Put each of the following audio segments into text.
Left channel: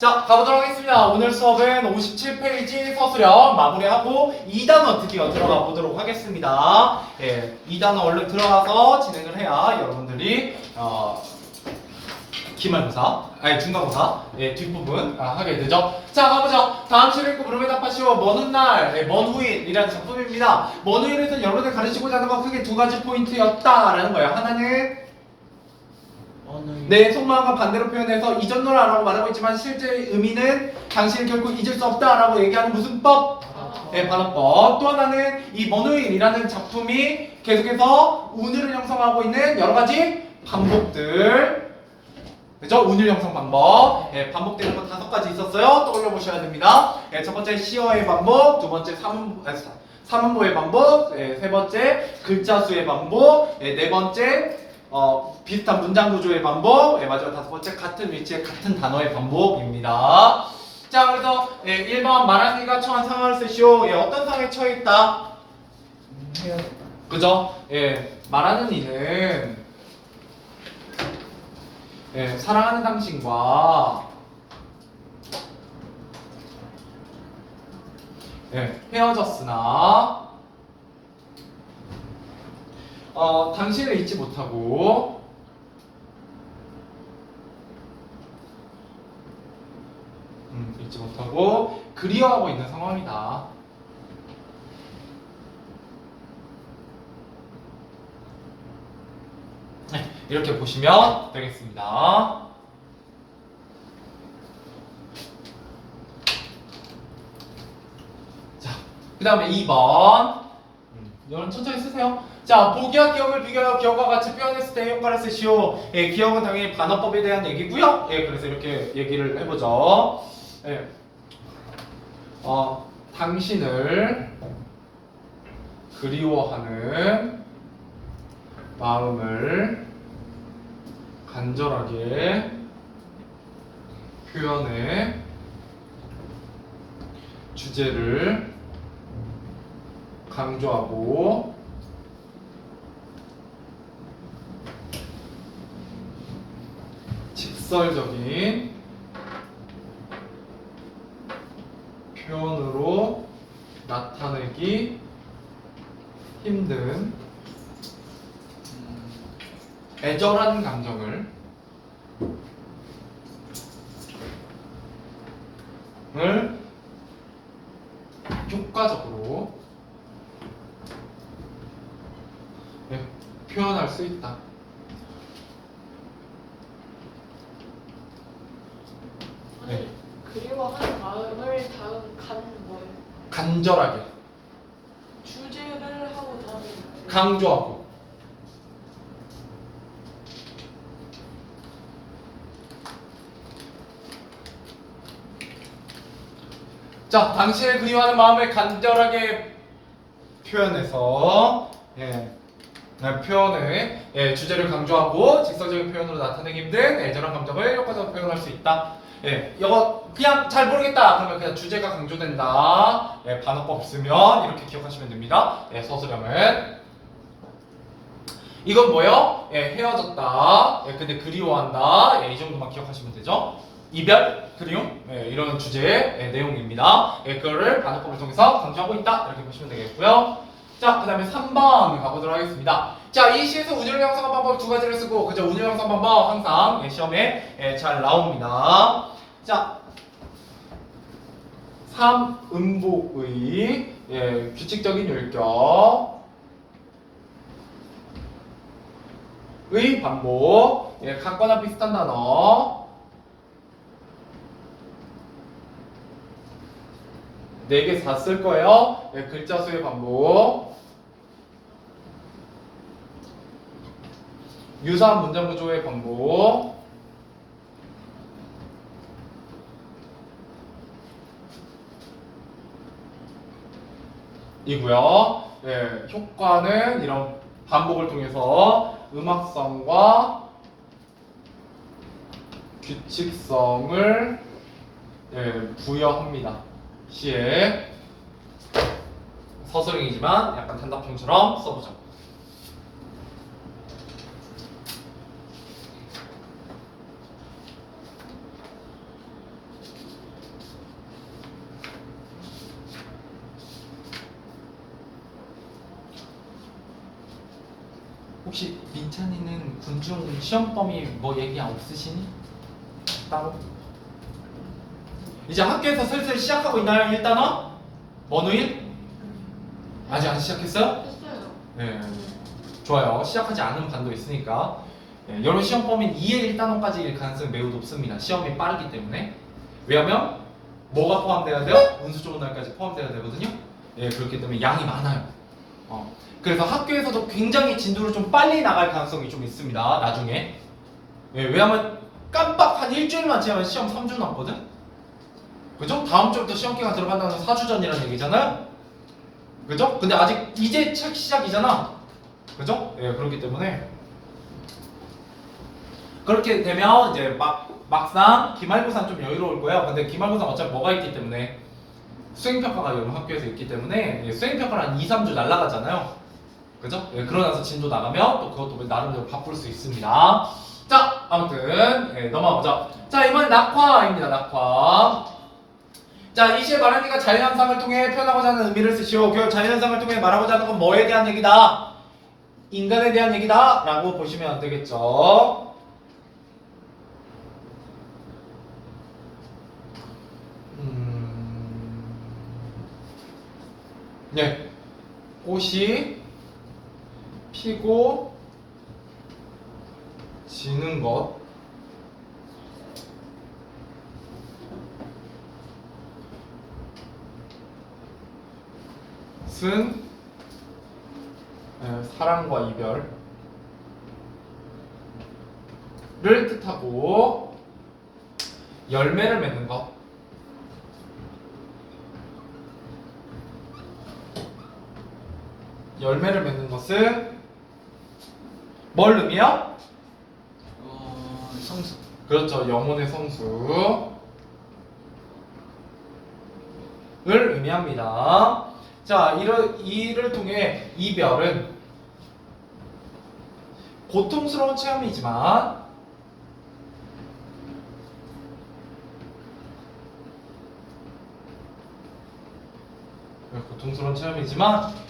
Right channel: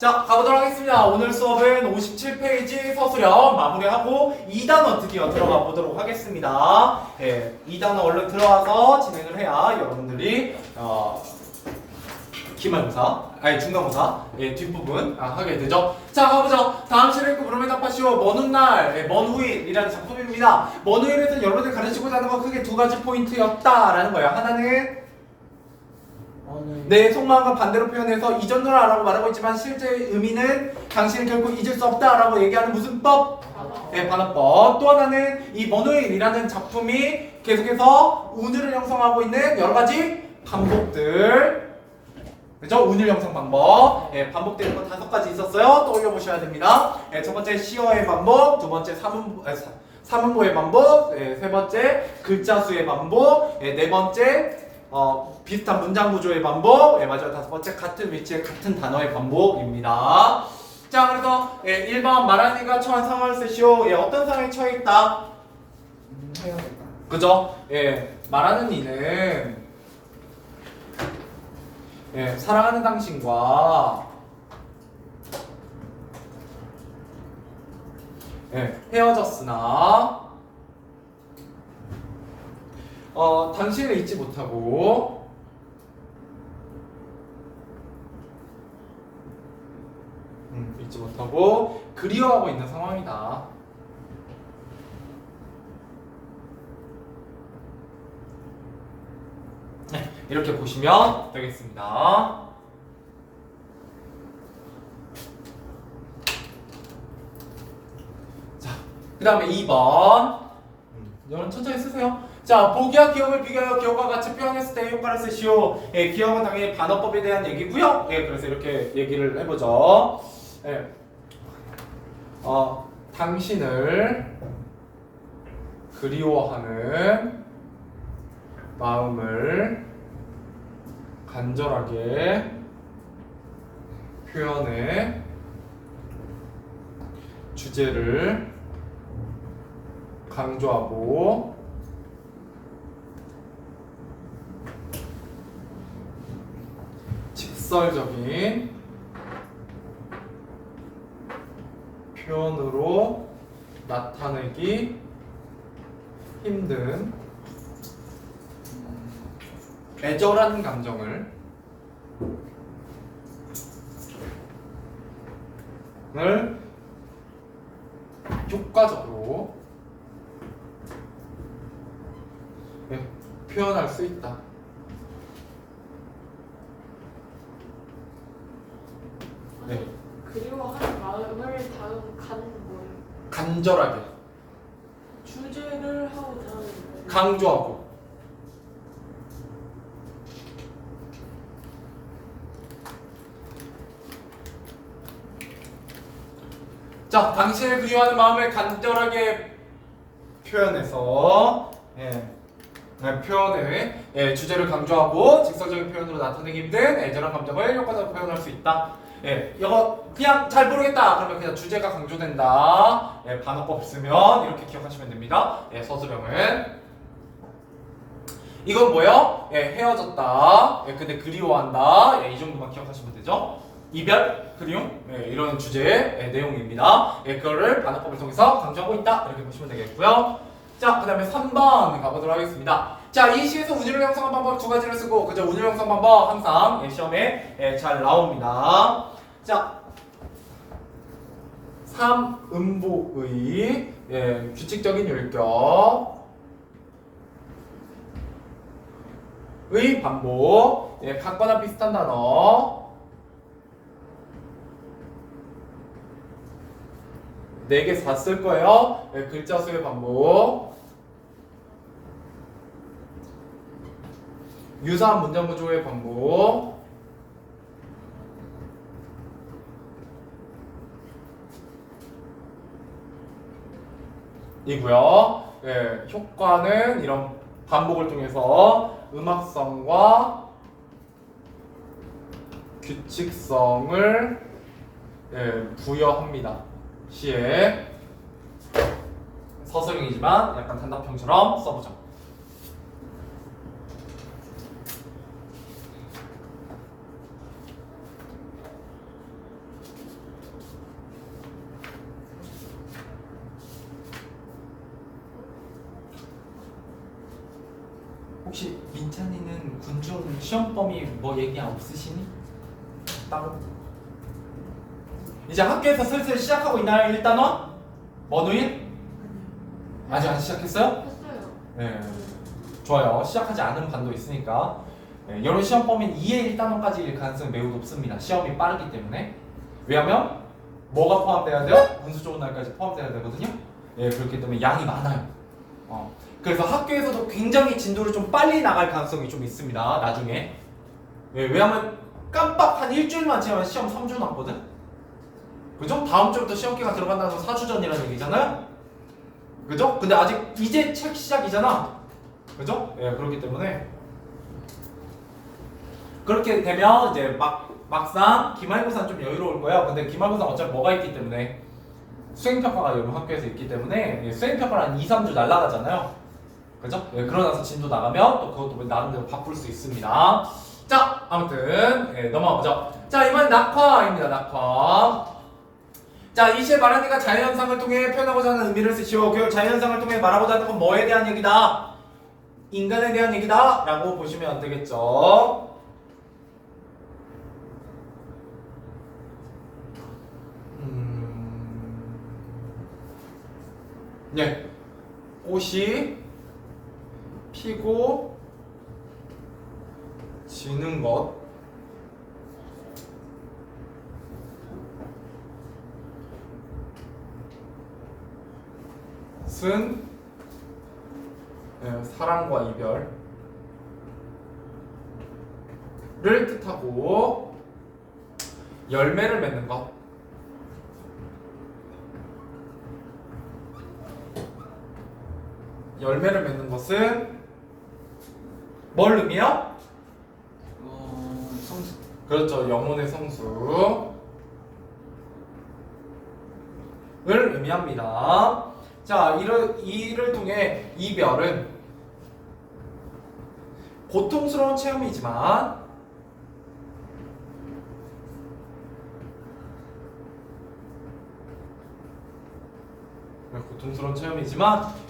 자, 가보도록 하겠습니다. 오늘 수업은 57페이지 서술형 마무리하고 2단원 드디어 들어가 보도록 하겠습니다. 예, 2단원 얼른 들어가서 진행을 해야 여러분들이 기말고사, 아니 중간고사 뒷부분 하게 되죠. 자, 가보죠. 다음 시를 읽고 물음에 답하시오. 먼 훗날, 먼 후일이라는 작품입니다. 먼 후일에서 여러분들 가르치고자 하는 건 크게 두 가지 포인트였다라는 거예요. 하나는 내 속마음과 반대로 표현해서 이전노라라고 말하고 있지만 실제 의미는 당신을 결코 잊을 수 없다라고 얘기하는 무슨 법? 네, 반어법. 또 하나는 이 먼후일이라는 작품이 계속해서 운율을 형성하고 있는 여러 가지 반복들, 그죠? 운율 형성 방법. 네, 반복되는 거 5가지 있었어요. 떠올려 보셔야 됩니다. 네, 첫 번째 시어의 반복, 두 번째 삼음보의 반복, 세 번째 글자 수의 반복, 네 번째 비슷한 문장 구조의 반복, 마지막 5번째 같은 위치의 같은 단어의 반복입니다. 자, 그래서 1번 말하는 이가 처한 상황을 쓰시오. 어떤 상황에 처해 있다? 그죠? 말하는 이는 사랑하는 당신과 헤어졌으나 당신을 잊지 못하고 그리워하고 있는 상황이다. 이렇게 보시면 되겠습니다. 자, 그 다음에 2번. 여러분 천천히 쓰세요. 자, 보기와 기억을 비교하여 기억과 같이 표현했을 때 효과를 쓰시오. 기억은 당연히 반어법에 대한 얘기고요. 그래서 이렇게 얘기를 해보죠. 당신을 그리워하는 마음을 간절하게 표현해 주제를 강조하고 직설적인 표현으로 나타내기 힘든 애절한 감정을 효과적으로 표현할 수 있다. 그리워하는 마음을 다음 간 뭐예요? 간절하게 주제를 하고 다음에 강조하고 자, 당신을 그리워하는 마음을 간절하게 표현해서 표현의 주제를 강조하고 직설적인 표현으로 나타내기 힘든 애절한 감정을 효과적으로 표현할 수 있다. 이거 그냥 잘 모르겠다 그러면 그냥 주제가 강조된다. 반어법 없으면 이렇게 기억하시면 됩니다. 서술형은 이건 뭐요? 헤어졌다. 근데 그리워한다. 이 정도만 기억하시면 되죠. 이별, 그리움 이런 주제의 내용입니다. 그거를 반어법을 통해서 강조하고 있다. 이렇게 보시면 되겠고요. 자, 그 다음에 3번 가보도록 하겠습니다. 자, 이 시에서 운율 형성한 방법 2가지를 쓰고, 그죠? 운율 형성 방법 항상 시험에 잘 나옵니다. 자, 3음보의 규칙적인 율격의 반복, 같거나 비슷한 단어 4개 다 쓸 거예요. 글자 수의 반복, 유사한 문장 구조의 반복, 이고요. 효과는 이런 반복을 통해서 음악성과 규칙성을 부여합니다. 시에 서술형이지만 약간 단답형처럼 써보자. 혹시 민찬이는 군중 시험 범위 뭐 얘기 없으시니? 따로? 이제 학교에서 슬슬 시작하고 있나요? 1단원? 원우인? 아직 안 시작했어요? 했어요. 네. 좋아요. 시작하지 않은 반도 있으니까. 네, 여러 시험 범위는 2의 1단원까지일 가능성이 매우 높습니다. 시험이 빠르기 때문에. 왜냐면 뭐가 포함돼야 돼요? 운수 좋은 날까지 포함돼야 되거든요. 예, 그렇기 때문에 양이 많아요. 그래서 학교에서도 굉장히 진도를 좀 빨리 나갈 가능성이 좀 있습니다. 나중에. 예, 왜냐면 깜빡 한 일주일만 지나면 시험 3주 남거든. 그죠? 다음 주부터 시험 기간 들어간다는 건 4주 전이라는 얘기잖아요. 그죠? 근데 아직 이제 책 시작이잖아. 그죠? 예, 그렇기 때문에 그렇게 되면 이제 막상 기말고사는 좀 여유로울 거야. 근데 기말고사 어차피 뭐가 있기 때문에 수행평가가 여러분 학교에서 있기 때문에 예, 수행평가를 한 2, 3주 날라가잖아요. 그죠? 예, 그러고 나서 진도 나가면 또 그것도 나름대로 바쁠 수 있습니다. 자, 아무튼 예, 넘어가보죠. 자, 이번엔 낙화입니다. 낙화. 자, 이 시에 말하니까 자연현상을 통해 표현하고자 하는 의미를 쓰시오. 그 자연현상을 통해 말하고자 하는 건 뭐에 대한 얘기다? 인간에 대한 얘기다 라고 보시면 안 되겠죠. 네, 꽃이 피고 지는 것은 사랑과 이별을 뜻하고 열매를 맺는 것. 열매를 맺는 것은 뭘 의미해요? 성수. 그렇죠. 영혼의 성수를 의미합니다. 자, 이를 통해 이별은 고통스러운 체험이지만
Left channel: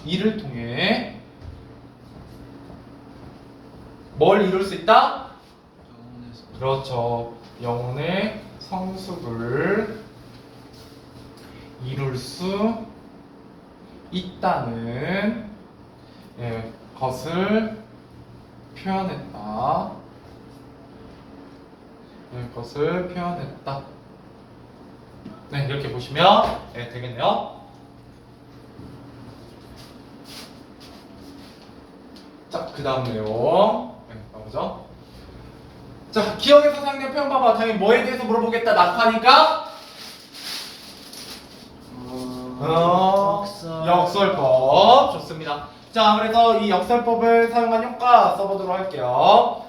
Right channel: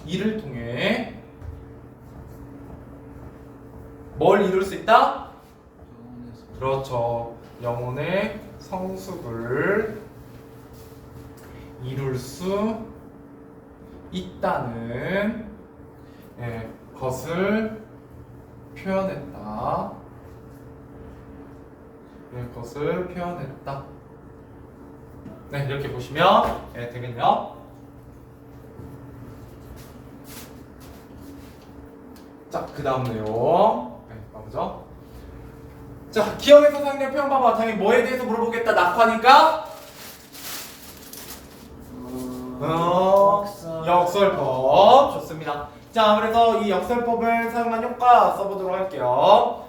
이를 통해 뭘 이룰 수 있다? 그렇죠. 영혼의 성숙을 이룰 수 있다는 것을 표현했다. 것을 표현했다. 네, 이렇게 보시면 되겠네요. 자, 그 다음 내용 가보죠. 자, 기억에서 사용된 표현 봐봐. 당연히 뭐에 대해서 물어보겠다. 낙화니까 역설법. 좋습니다. 자, 그래서 이 역설법을 사용한 효과 써보도록 할게요.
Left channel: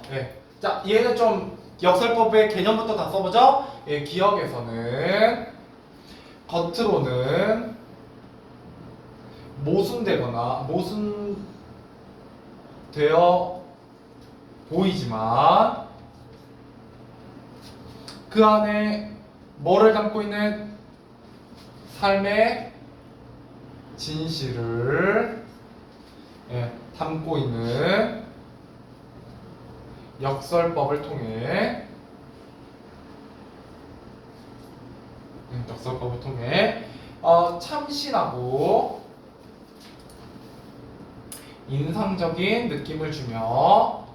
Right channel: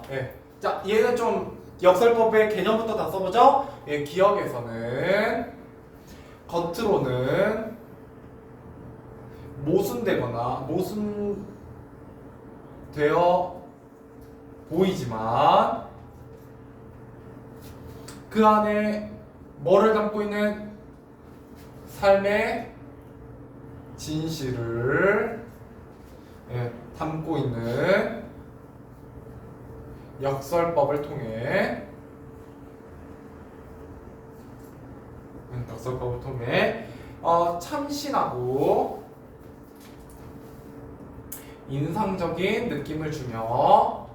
자, 얘는 좀 역설법의 개념부터 다 써보죠. 기억에서는 겉으로는 모순되어 보이지만 그 안에 뭐를 담고 있는 삶의 진실을 담고 있는 역설법을 통해 참신하고 인상적인 느낌을 주며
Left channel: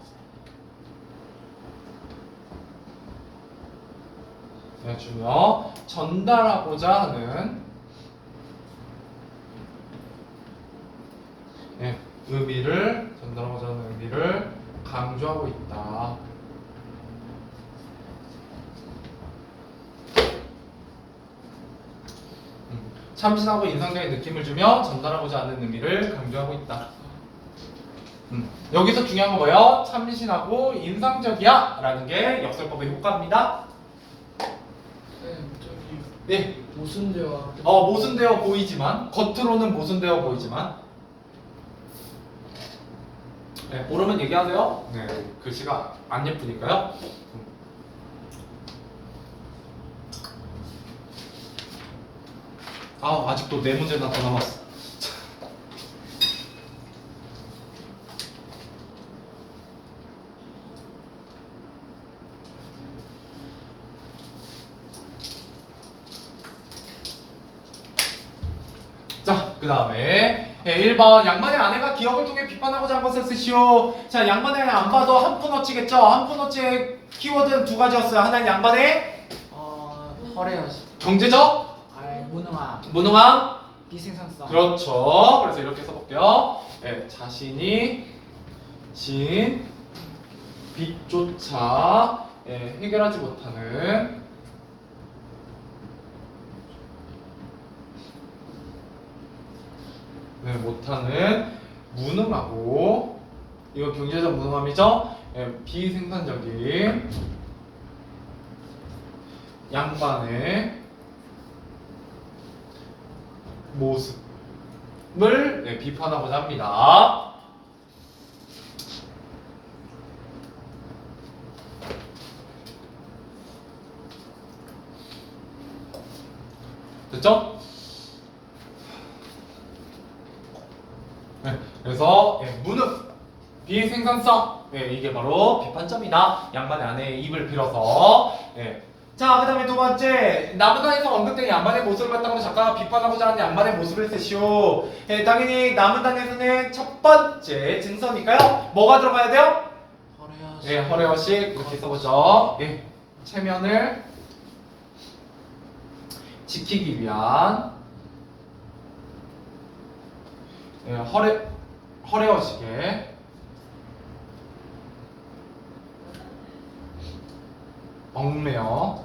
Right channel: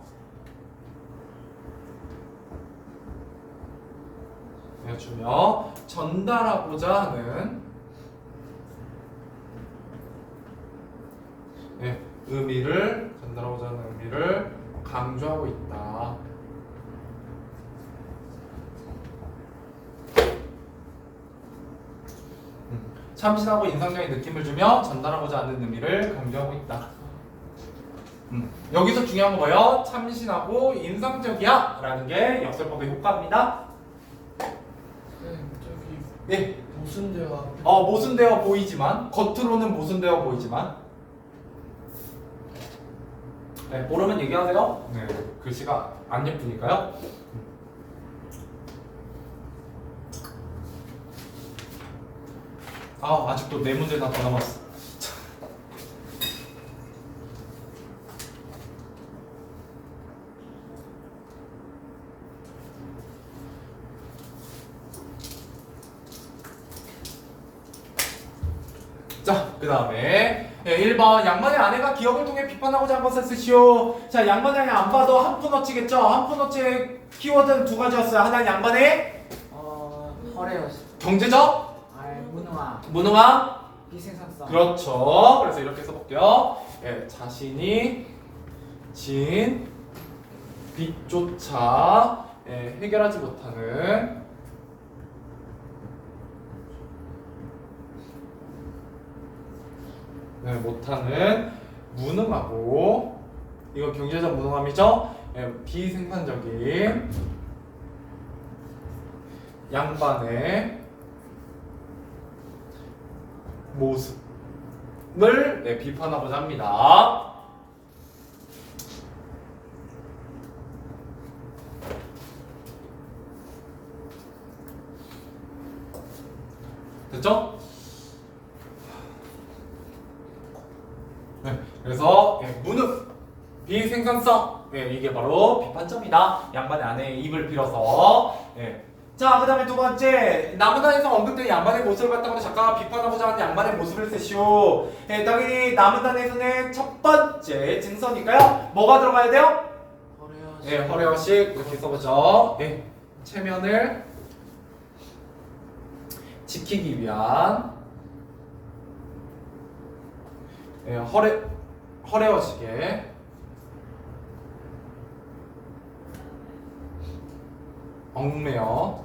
전달하고자 하는 의미를 강조하고 있다. 참신하고 인상적인 느낌을 주며 전달하고자 하는 의미를 강조하고 있다. 여기서 중요한 건 뭐예요? 참신하고 인상적이야 라는 게 역설법의 효과입니다. 저기 네. 모순되어. 모순되어 보이지만, 겉으로는 모순되어 보이지만, 모르면 얘기하세요. 네, 글씨가 안 예쁘니까요. 아직도 네 문제나 더 남았어. 그 다음에 1번 양반의 아내가 기억을 통해 비판하고자 한 것을 쓰시오. 자, 양반의 아내 안 봐도 한푼어치겠죠. 한푼어치의 키워드는 두 가지였어요. 하나는 양반의 허례요. 경제적 무능함. 무능함. 비생산성. 그렇죠. 그래서 이렇게 써볼게요. 자신이 진 빚조차 해결하지 못하는 못하는 무능하고, 이거 경제적 무능함이죠. 비생산적인 양반의 모습을 비판하고자 합니다. 됐죠? 그래서 무능, 비생산성, 이게 바로 비판점이다. 양반의 아내의 입을 빌어서. 자, 그 다음에 두 번째, 나무단에서 언급된 양반의 모습을 갖다가 작가가 비판하고자 하는 양반의 모습을 쓰시오. 당연히 나무단에서는 첫 번째 증서니까요. 뭐가 들어가야 돼요? 허례요. 허례허식 이렇게 써보죠. 체면을 지키기 위한 허례허식에 얽매여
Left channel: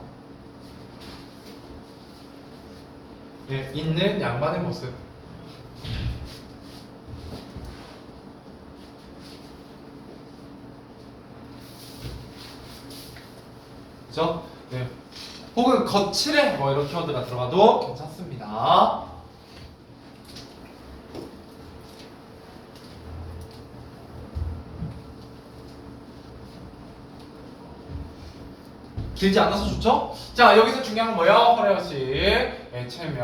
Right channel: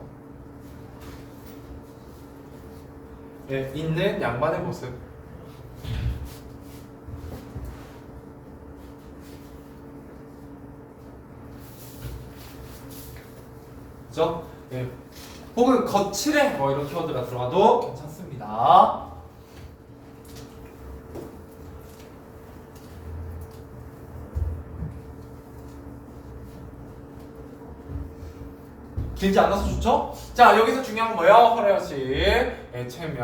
있는 양반의 모습. 그죠? 혹은 거칠해 뭐 이런 키워드가 들어가도 괜찮습니다. 길지 않아서 좋죠? 자, 여기서 중요한 건 뭐예요? 허례허식, 체면,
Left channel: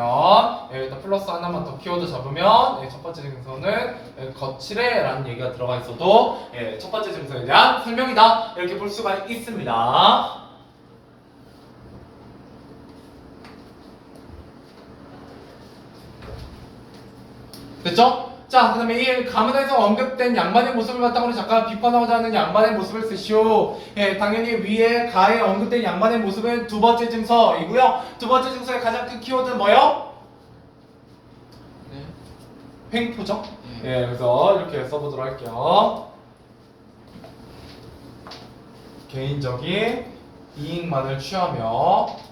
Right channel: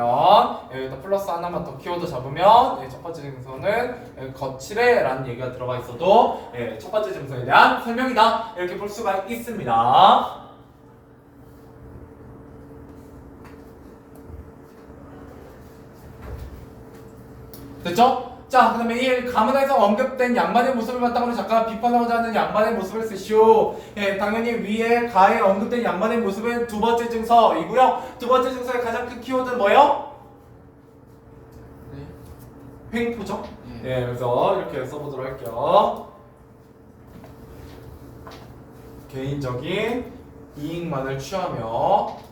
여기다 플러스 하나만 더 키워드 잡으면 첫 번째 증서는 거칠해 라는 얘기가 들어가 있어도 첫 번째 증서에 대한 설명이다 이렇게 볼 수가 있습니다. 됐죠? 자, 그 다음에 1. 가문에서 언급된 양반의 모습을 갖다가 작가가 비판하고자 하는 양반의 모습을 쓰시오. 당연히 위에 가에 언급된 양반의 모습은 두 번째 증서이고요. 두 번째 증서의 가장 큰 키워드는 뭐예요? 횡포죠? 그래서 이렇게 써보도록 할게요. 개인적인 이익만을 취하며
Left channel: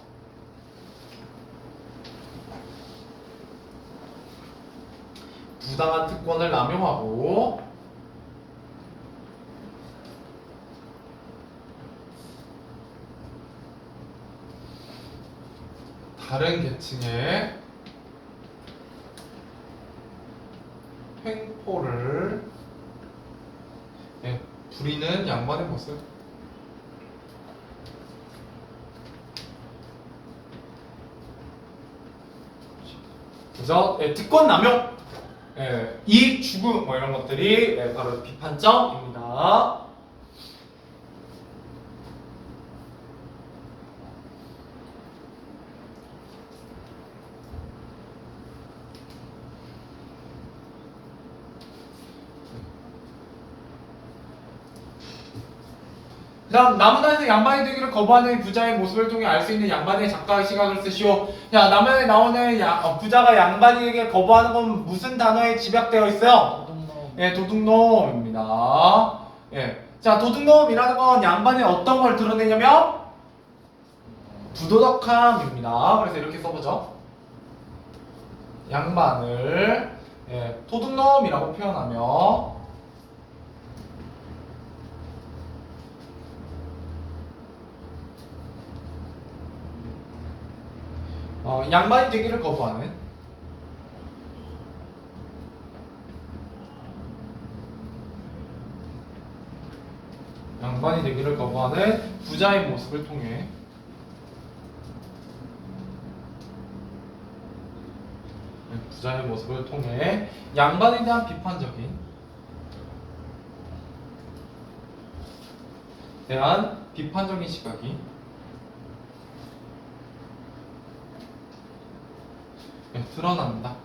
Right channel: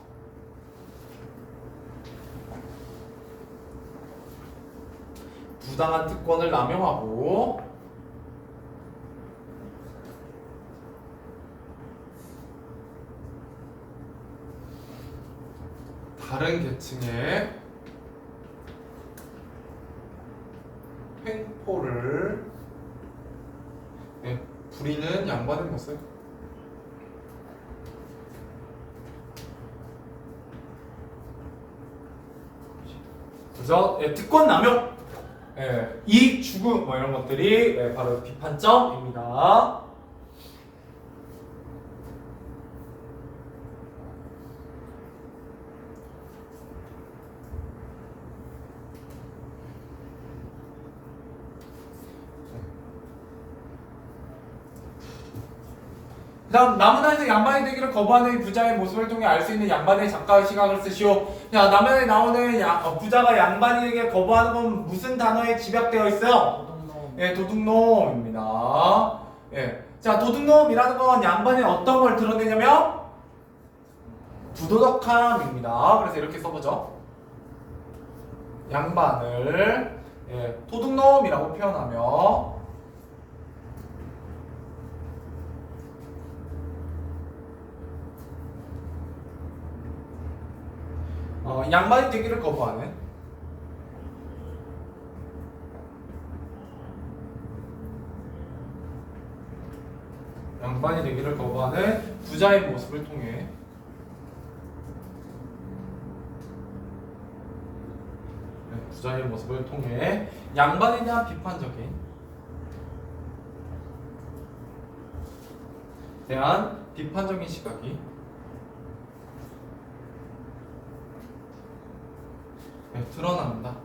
부당한 특권을 남용하고 다른 계층의 횡포를 부리는 양반의 모습. 그래서 특권 남용, 이익 추구 뭐 이런 것들이 바로 비판점입니다. 그 다음 나무단에서 양반이 되기를 거부하는 부자의 모습을 통해 알 수 있는 양반의 작가의 시각을 쓰시오. 자, 나무단에 나오는 부자가 양반이 되기를 거부하는 건 무슨 단어에 집약되어 있어요? 도둑놈. 도둑놈입니다. 자, 도둑놈이라는 건 양반의 어떤 걸 드러내냐면 부도덕함입니다. 그래서 이렇게 써보죠. 양반을 도둑놈이라고 표현하며 양반이 되기를 거부하는 부자의 모습을 통해 양반에 대한 비판적인 시각이 드러난다.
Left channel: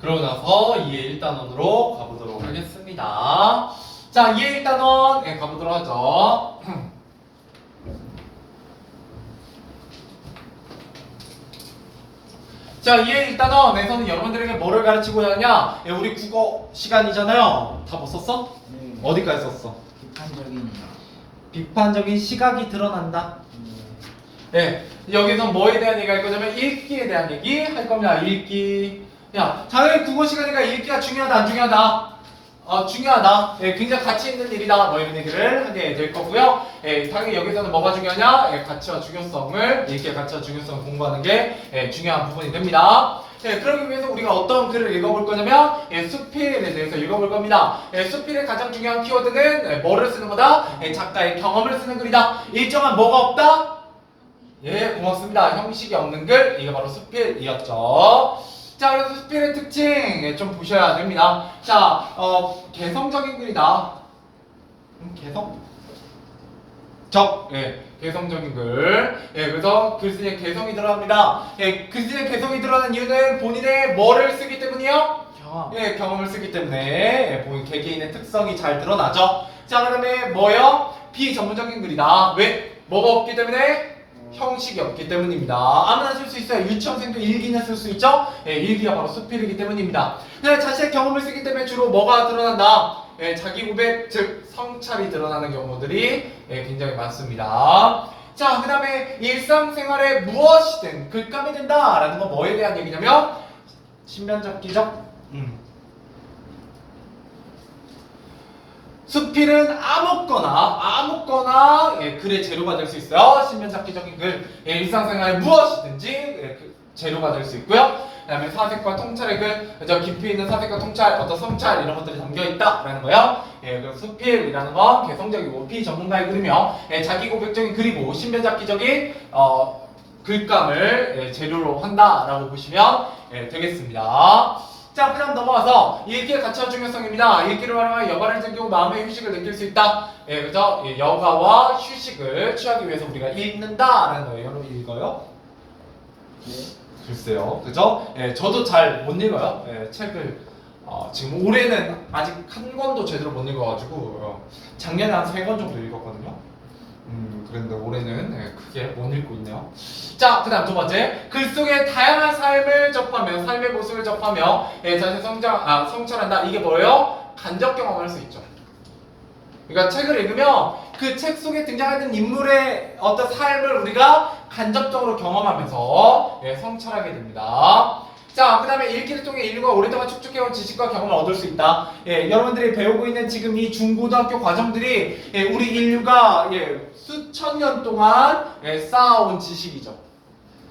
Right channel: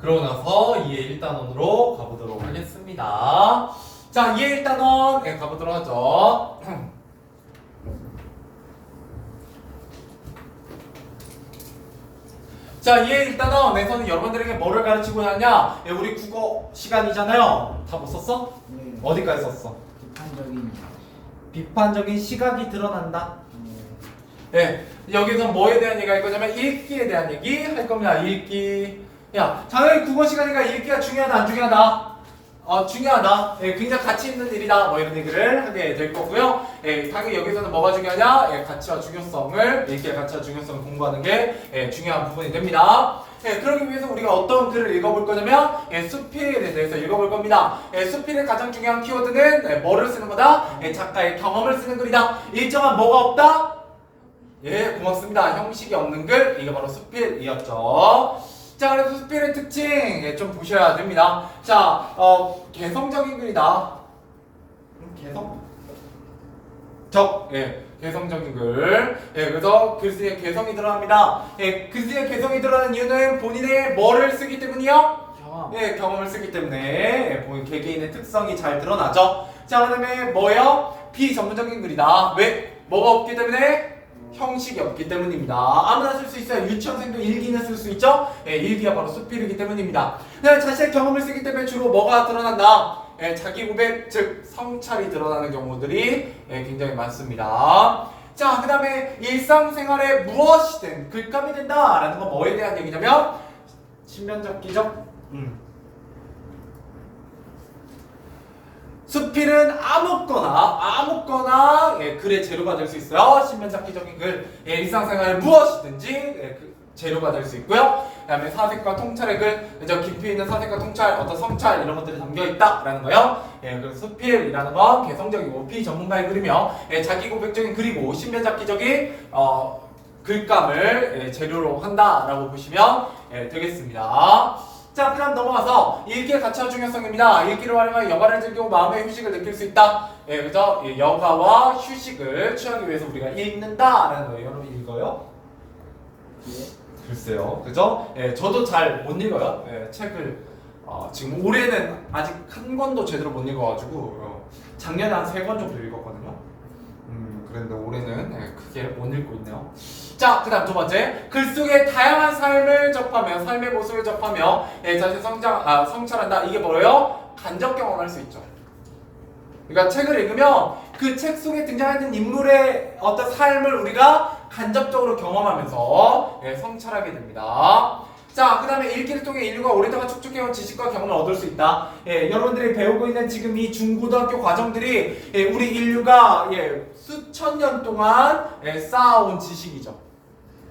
그러고 나서 2의 1단원으로 가보도록 하겠습니다. 자, 2의 1단원 가보도록 하죠. 자, 2의 1단원에서는 여러분들에게 뭐를 가르치고자 하냐? 우리 국어 시간이잖아요. 다 못 썼어? 네. 어디까지 썼어? 비판적인. 비판적인 시각이 드러난다. 네. 예, 여기서 뭐에 대한 얘기가 할 거냐면 읽기에 대한 얘기 할 겁니다. 읽기. 야, 당연히 국어 시간이니까 읽기가 중요하다, 안 중요하다? 중요하다. 예, 굉장히 가치 있는 일이다. 뭐 이런 얘기를 하게 될 거고요. 예, 당연히 여기서는 뭐가 중요하냐? 예, 가치와 중요성을, 읽기의 가치와 중요성을 공부하는 게 중요한 부분이 됩니다. 예, 그러기 위해서 우리가 어떤 글을 읽어볼 거냐면 수필에 대해서 읽어볼 겁니다. 수필의 가장 중요한 키워드는 뭐를 쓰는 거다? 작가의 경험을 쓰는 글이다. 일정한 뭐가 없다? 예, 고맙습니다. 형식이 없는 글, 이거 바로 수필이었죠. 자, 그래서 수필의 특징 좀 보셔야 됩니다. 자, 개성적인 글이다. 개성적인 글. 예, 그래서 글쓰기에 개성이 드러납니다. 예, 글쓰기에 개성이 드러나는 이유는 본인의 뭐를 쓰기 때문이요? 경험. 예, 경험을 쓰기 때문에 본인 개개인의 특성이 잘 드러나죠. 자, 그다음에 뭐요? 비전문적인 글이다. 왜? 뭐가 없기 때문에? 형식이 없기 때문입니다. 아무나 쓸 수 있어요. 유치원생도 일기는 쓸 수 있죠. 예, 일기가 바로 수필이기 때문입니다. 자신의 경험을 쓰기 때문에 주로 뭐가 드러난다? 예, 자기 고백, 즉 성찰이 드러나는 경우들이 굉장히 많습니다. 자, 그 다음에 일상생활에 무엇이든 글감이 된다라는 건 뭐에 대한 얘기냐면 신변잡기죠. 수필은 아무거나 글의 재료가 될 수 있어요. 신변잡기적인 글, 일상생활에 무엇이든지 재료가 될 수 있고요. 그 다음에 사색과 통찰의 글, 그죠? 깊이 있는 사색과 통찰, 어떤 성찰 이런 것들이 담겨 있다라는 거요. 그래서 수필이라는 건 개성적이고 비전문가의 글이며 자기 고백적인 글이고 신변잡기적인 글감을 재료로 한다라고 보시면 되겠습니다. 자, 그 다음 넘어가서 읽기의 가치와 중요성입니다. 읽기를 활용하여 여가를 즐기고 마음의 휴식을 느낄 수 있다. 그죠? 여가와 휴식을 취하기 위해서 우리가 읽는다라는 거예요. 여러분 읽어요? 예. 글쎄요, 그죠? 저도 잘 못 읽어요. 책을 지금 올해는 아직 한 권도 제대로 못 읽어가지고 작년에 한 3권 정도 읽었거든요. 그런데 올해는 크게 못 읽고 있네요. 자, 그 다음 두 번째, 글 속에 다양한 삶을 접하며 삶의 모습을 접하며 자신의 성찰한다. 이게 뭐예요? 간접 경험할 수 있죠. 그러니까 책을 읽으면 그 책 속에 등장하는 인물의 어떤 삶을 우리가 간접적으로 경험하면서 성찰하게 됩니다. 자, 그 다음에 읽기를 통해 인류가 오랫동안 축적해온 지식과 경험을 얻을 수 있다. 여러분들이 배우고 있는 지금 이 중고등학교 과정들이 우리 인류가 수천 년 동안 쌓아온 지식이죠.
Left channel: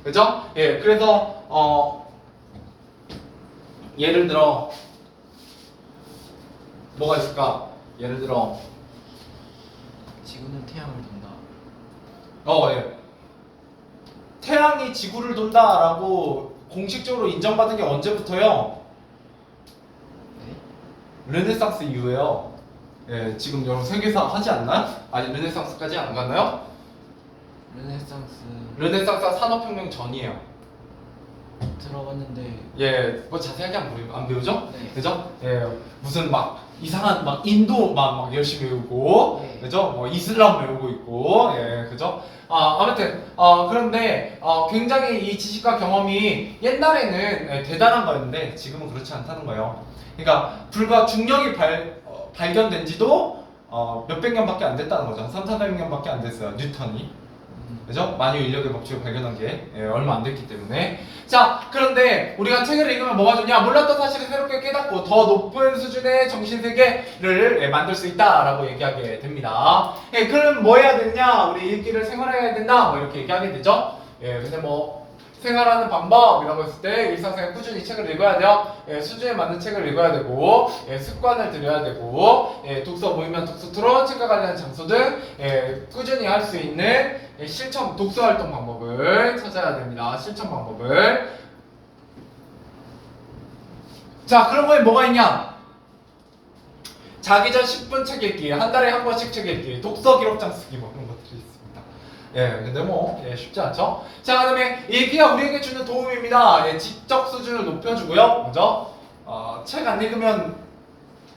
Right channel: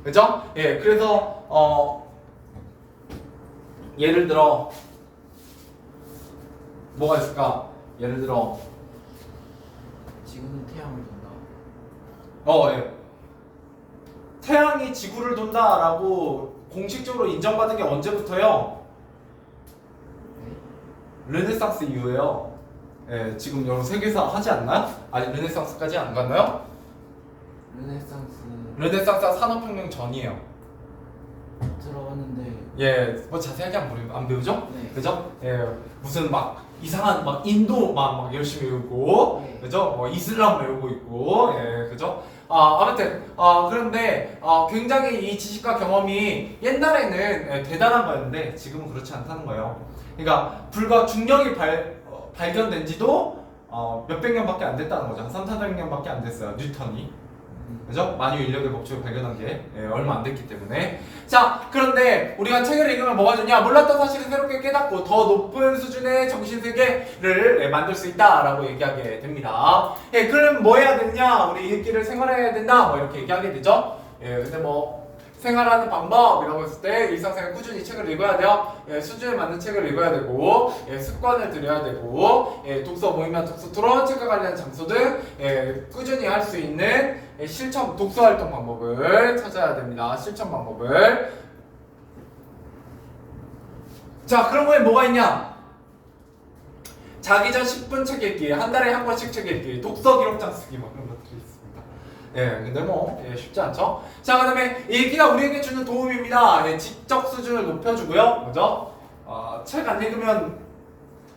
그죠? 그래서 예를 들어 뭐가 있을까? 예를 들어 지구는 태양을 돈다. 태양이 지구를 돈다라고 공식적으로 인정받은 게 언제부터요? 네? 르네상스 이후에요. 지금 여러분 세계사 하지 않나요? 아니, 르네상스까지 안 갔나요? 르네상스가 산업혁명 전이에요. 들어봤는데. 뭐 자세하게 안 배우죠? 네. 그죠? 무슨 막 이상한 막 인도 막 열심히 배우고, 네. 그죠? 뭐 이슬람 배우고 있고, 그죠? 아무튼 그런데 굉장히 이 지식과 경험이 옛날에는 대단한 거였는데 지금은 그렇지 않다는 거예요. 그러니까 불과 중력이 발견된 지도 몇백 년밖에 안 됐다는 거죠. 3,400년밖에 안 됐어요. 뉴턴이. 그죠? 만유 인력의 법칙을 발견한 게 얼마 안 됐기 때문에. 자, 그런데 우리가 책을 읽으면 뭐가 좋냐? 몰랐던 사실을 새롭게 깨닫고 더 높은 수준의 정신세계를 만들 수 있다라고 얘기하게 됩니다. 그럼 뭐 해야 되느냐? 우리 읽기를 생활해야 된다. 뭐 이렇게 얘기하게 되죠. 근데 뭐 생활하는 방법이라고 했을 때 일상생활 꾸준히 책을 읽어야 돼요. 수준에 맞는 책을 읽어야 되고, 습관을 들여야 되고, 독서 모임이나 독서 토론, 책과 관련한 장소 등 꾸준히 할 수 있는 실천 독서 활동 방법을 찾아야 됩니다. 실천 방법을. 자, 그런 거에 뭐가 있냐? 자기 전 10분 책 읽기, 한 달에 한 번씩 책 읽기, 독서 기록장 쓰기 뭐 그런 것들이 있습니다. 근데 뭐 쉽지 않죠. 자, 그다음에 읽기가 우리에게 주는 도움입니다. 지적 수준을 높여주고요. 먼저 책 안 읽으면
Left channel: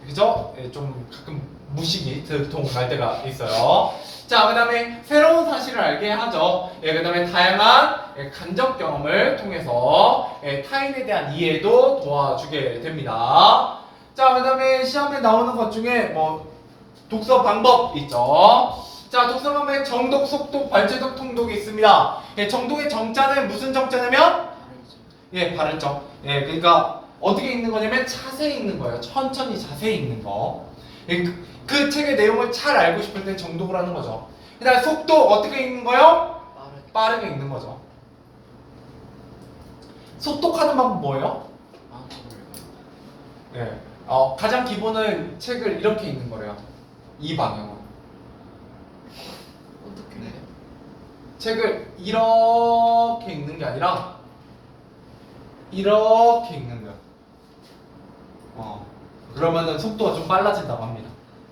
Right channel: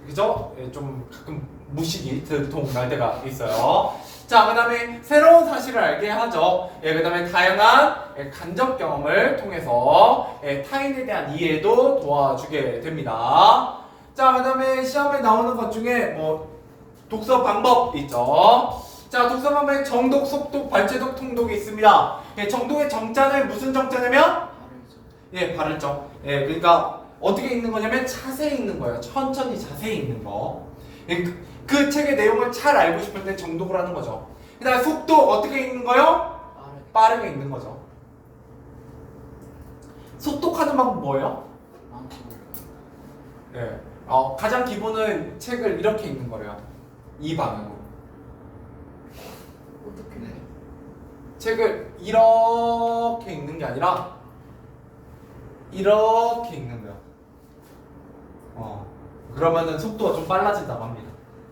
그죠? 예, 좀 가끔 무식이 들통날 때가 있어요. 자, 그다음에 새로운 사실을 알게 하죠. 예, 그다음에 다양한 간접 경험을 통해서 타인에 대한 이해도 도와주게 됩니다. 자, 그다음에 시험에 나오는 것 중에 뭐 독서 방법 있죠. 자, 독서 방법에 정독, 속독, 발췌독, 통독이 있습니다. 예, 정독의 정자는 무슨 정자냐면 예, 발을정. 예, 그러니까 어떻게 읽는 거냐면 자세히 읽는 거예요. 천천히 자세히 읽는 거. 예, 그 책의 내용을 잘 알고 싶을 때 정독을 하는 거죠. 그다음 속독 어떻게 읽는 거요? 빠르게 읽는 거죠. 속독하는 방법 뭐예요? 예, 가장 기본은 책을 이렇게 읽는 거래요. 이 방향으로. 어떻게? 네. 책을 이렇게 읽는 게 아니라 이렇게 읽는 거야. 그러면은 속도가 좀 빨라진다고 합니다.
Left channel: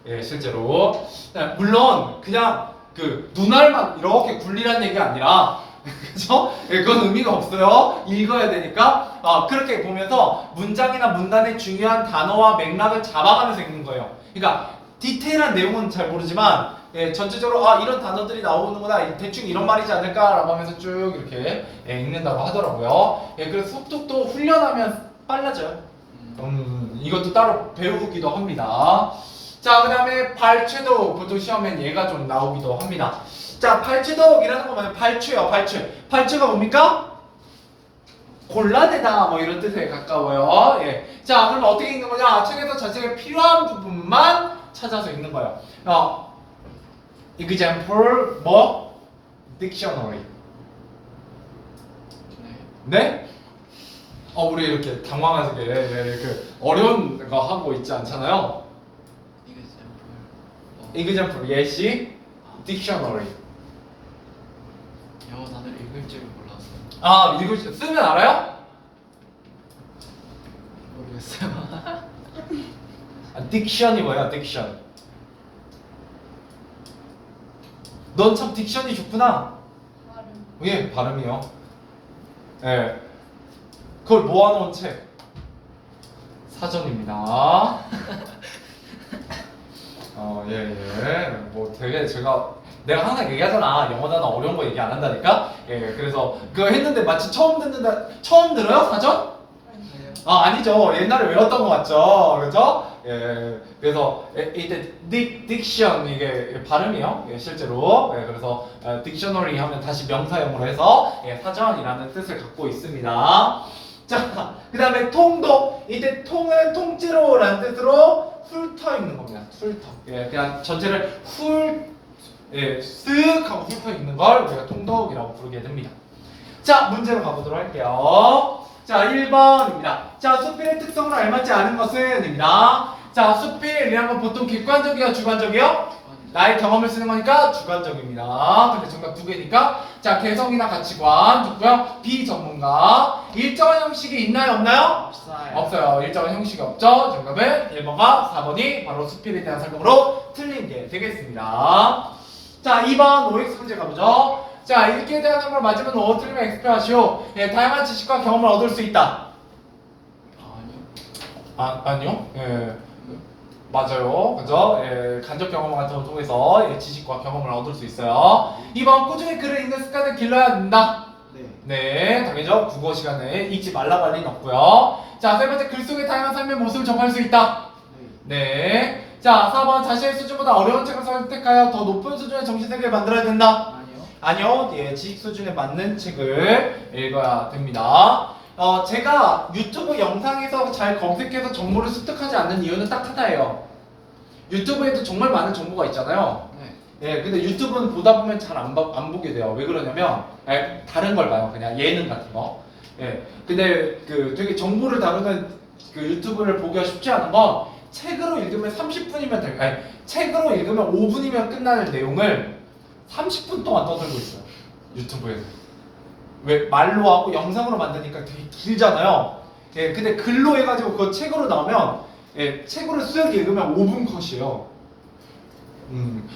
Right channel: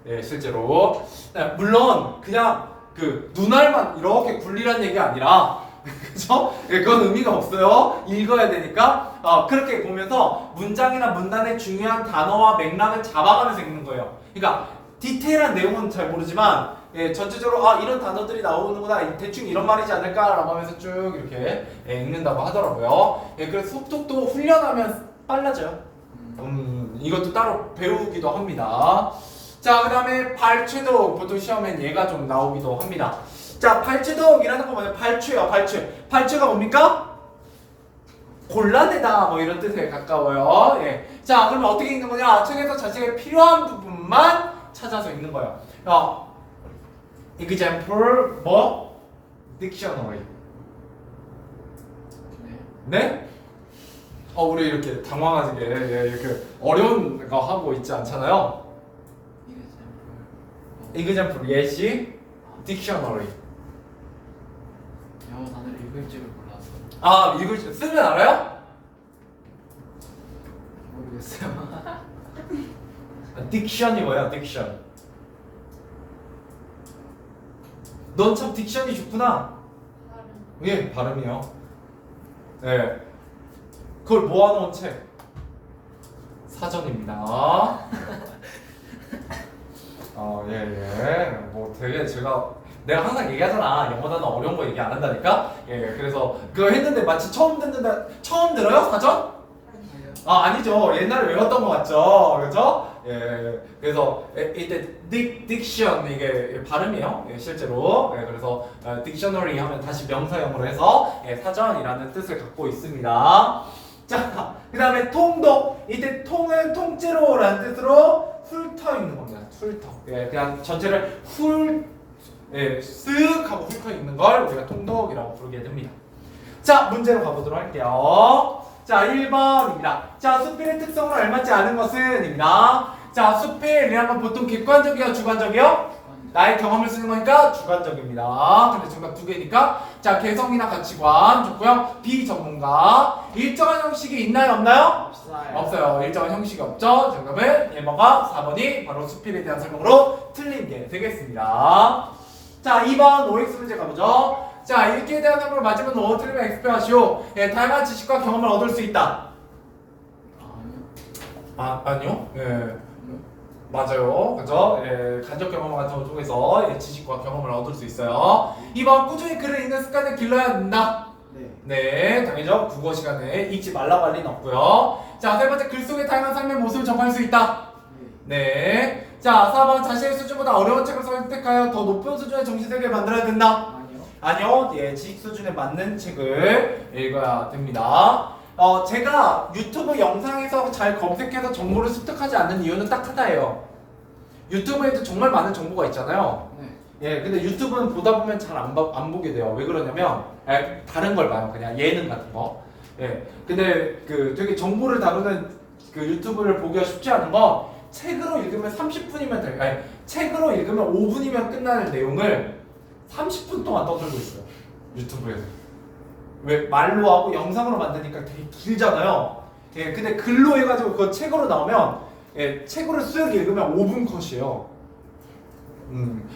예, 실제로. 물론 그냥 그 눈알만 이렇게 굴리라는 얘기가 아니라 그죠? 예, 그건 의미가 없어요. 읽어야 되니까. 그렇게 보면서 문장이나 문단의 중요한 단어와 맥락을 잡아가면서 읽는 거예요. 그러니까 디테일한 내용은 잘 모르지만 예, 전체적으로 이런 단어들이 나오는구나, 대충 이런 말이지 않을까라고 하면서 쭉 이렇게 읽는다고 하더라고요. 예, 그래서 속독도 훈련하면 빨라져요. 이것도 따로 배우기도 합니다. 자, 그 다음에 발췌도 보통 시험엔 얘가 좀 나오기도 합니다. 자, 발췌독이라는 건 뭐냐면 발췌요, 발췌. 발췌가 뭡니까? 골라내다 뭐 이런 뜻에 가까워요. 예. 자, 그러면 어떻게 읽는 거냐? 책에서 자신에게 필요한 부분만 찾아서 읽는 거예요. example 뭐? dictionary. 네? 우리 이렇게 당황하게 이렇게 어려운 거 하고 있지 않잖아요. example 예시, dictionary. 영어 단어를 읽을 줄을 몰랐어요. 읽을 줄 쓰면 알아요? 모르겠어요. diction이 뭐야? diction. 넌 참 딕션이 좋구나. 예, 발음이요. 예, 그걸 모아놓은 책 사전입니다. 예. 뭐 되게 내가 항상 얘기하잖아. 영어 단어 어려운 거 얘기 안 한다니까. 예, 그래서 그거 했는데 마치 처음 들어요 사전? 아니죠. 옛날에 외웠던 거 맞죠? 그죠? 예, 그래서 이때 딕션 이게 발음이요. 예, 실제로. 예, 그래서 딕셔너리 하면 다시 명사형으로 해서 사전이라는 뜻을 갖고 있습니다. 자, 그 다음에 통독. 이때 통은 통째로라는 뜻으로 훑어 읽는 겁니다. 훑어. 예, 그냥 전체를 쓱 하고 훑어 읽는 걸 우리가 통독이라고 부르게 됩니다. 자, 문제로 가보도록 할게요. 자, 1번입니다. 자, 수필의 특성을 알맞지 않은 것은? 입니다. 자, 수필이라는 건 보통 객관적이요, 주관적이요? 나의 경험을 쓰는 거니까 주관적입니다. 근데 정답 두 개니까. 자, 개성이나 가치관 좋고요. 비전문가. 일정한 형식이 있나요, 없나요? 없어요. 일정한 형식이 없죠. 정답은 1번과 4번이 바로 수필에 대한 설명으로 틀린 게 되겠습니다. 자, 2번 OX 문제 가보죠. 자, 읽기에 대한 설명을 맞으면 O, 틀리면 X표 하시오. 예, 다양한 지식과 경험을 얻을 수 있다. 아니요. 예, 맞아요. 그죠? 예, 간접 경험 같은 걸 통해서 지식과 경험을 얻을 수 있어요. 2번 꾸준히 글을 읽는 습관을 길러야 된다. 네, 당연히죠. 국어 시간에 읽지 말라고 할 리는 없고요. 자, 세 번째, 글 속의 다양한 삶의 모습을 접할 수 있다. 네. 자, 4번, 자신의 수준보다 어려운 책을 선택하여 더 높은 수준의 정신세계를 만들어야 된다. 아니요. 예, 지식 수준에 맞는 책을 읽어야 됩니다. 제가 유튜브 영상에서 잘 검색해서 정보를 습득하지 않는 이유는 딱 하나예요. 유튜브에도 정말 많은 정보가 있잖아요. 예, 근데 유튜브는 보다 보면 잘 안 보게 돼요. 왜 그러냐면 다른 걸 봐요. 그냥 예능 같은 거. 예, 근데 그 되게 정보를 다루는 그 유튜브를 보기가 쉽지 않은 건 책으로 읽으면 30분이면 책으로 읽으면 5분이면 끝나는 내용을 30분 동안 떠들고 있어요. 유튜브에서. 왜 말로 하고 영상으로 만드니까 되게 길잖아요. 예, 근데 글로 해가지고 그거 책으로 나오면 책으로 쓱 읽으면 5분 컷이에요.